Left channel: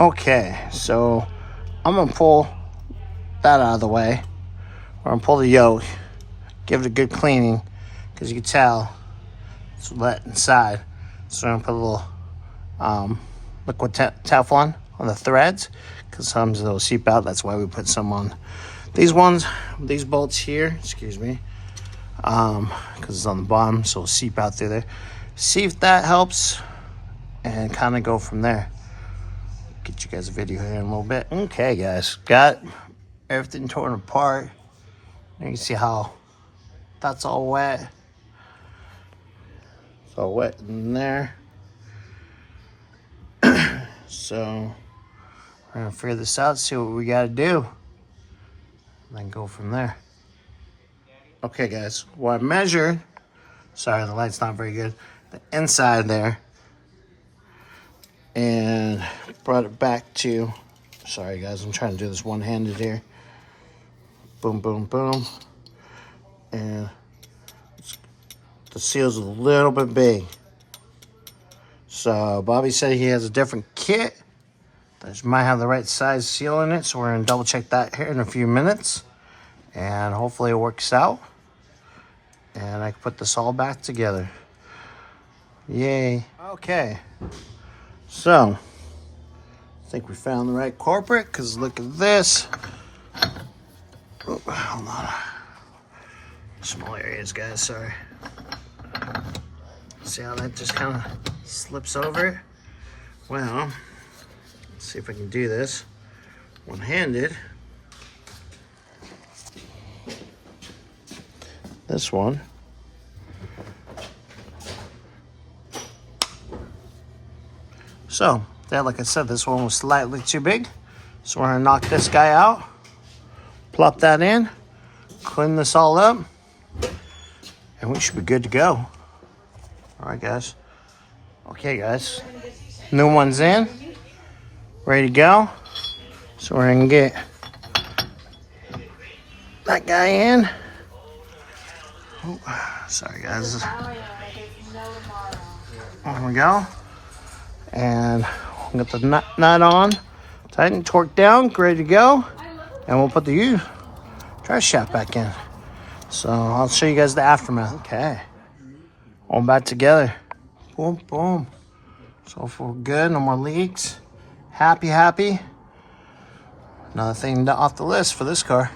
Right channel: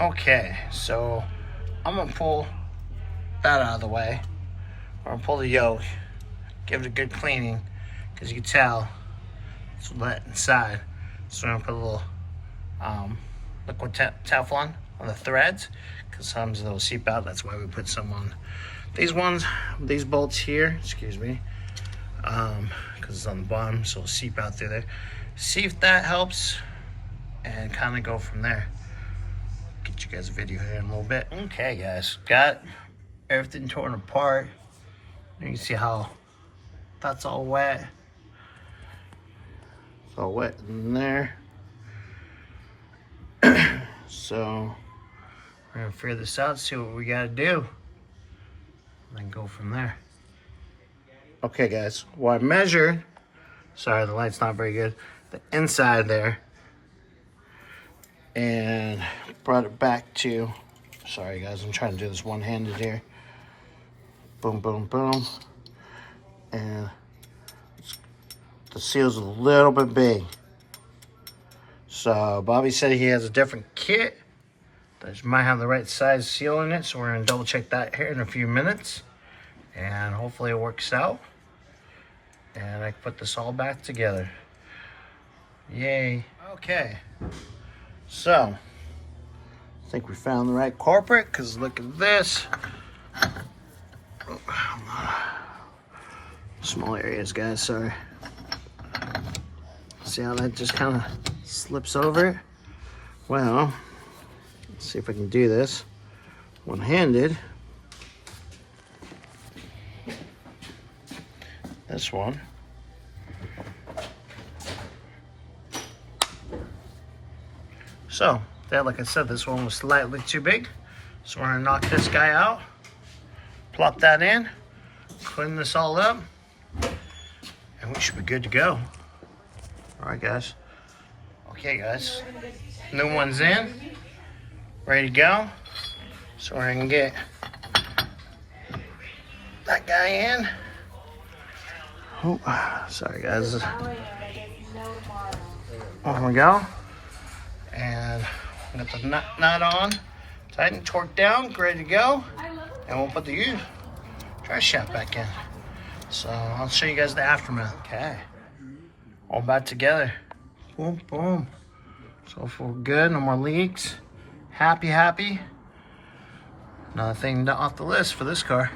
Okay, so I'm gonna pull that out of the way. We're gonna pull the yoke, give it a good cleaning, because you can tell it's wet inside. So we're gonna put a little liquid Teflon on the threads, because sometimes they'll seep out. That's why we put some on these ones, these bolts here, excuse me, because it's on the bottom, so it'll seep out through there. See if that helps, and kind of go from there. Get you guys a video here in a little bit. Okay, guys, got everything torn apart. You can see how that's all wet. It's all wet in there. So we're gonna figure this out, see what we gotta do, and then go from there. Okay, guys, well, I measured, sorry, the light's not very good, the inside there, and brought it back to, sorry guys, I'm trying to do this one-handed here. Boom, boom, boom. And the seal's a little bit big. So Bobby said he has a different kit that might have the right size seal in it. So we're gonna double check that here in a few minutes. And hopefully it works out. And I can put this all back together. Yay. Okay. So, I think we found the right culprit, because look at this. Oh, a lot of small areas, guys, sorry. See how that just kind of slips over? Well, let's see if I can do this one-handed. This one. So, there, like I said, this one was slightly too big. So we're gonna knock this guy out, plop that in, clean this all up, and we should be good to go. All right, guys. Okay, guys. New one's in, ready to go. So we're gonna get that guy in. Oh, sorry, guys. There we go. And we'll get the nut on, tighten, torque down, ready to go. And we'll put the drive shaft back in. So I'll show you guys the aftermath. Okay. All back together. Boom, boom. So far good, no more leaks. Happy, happy. Another thing off the list for this car.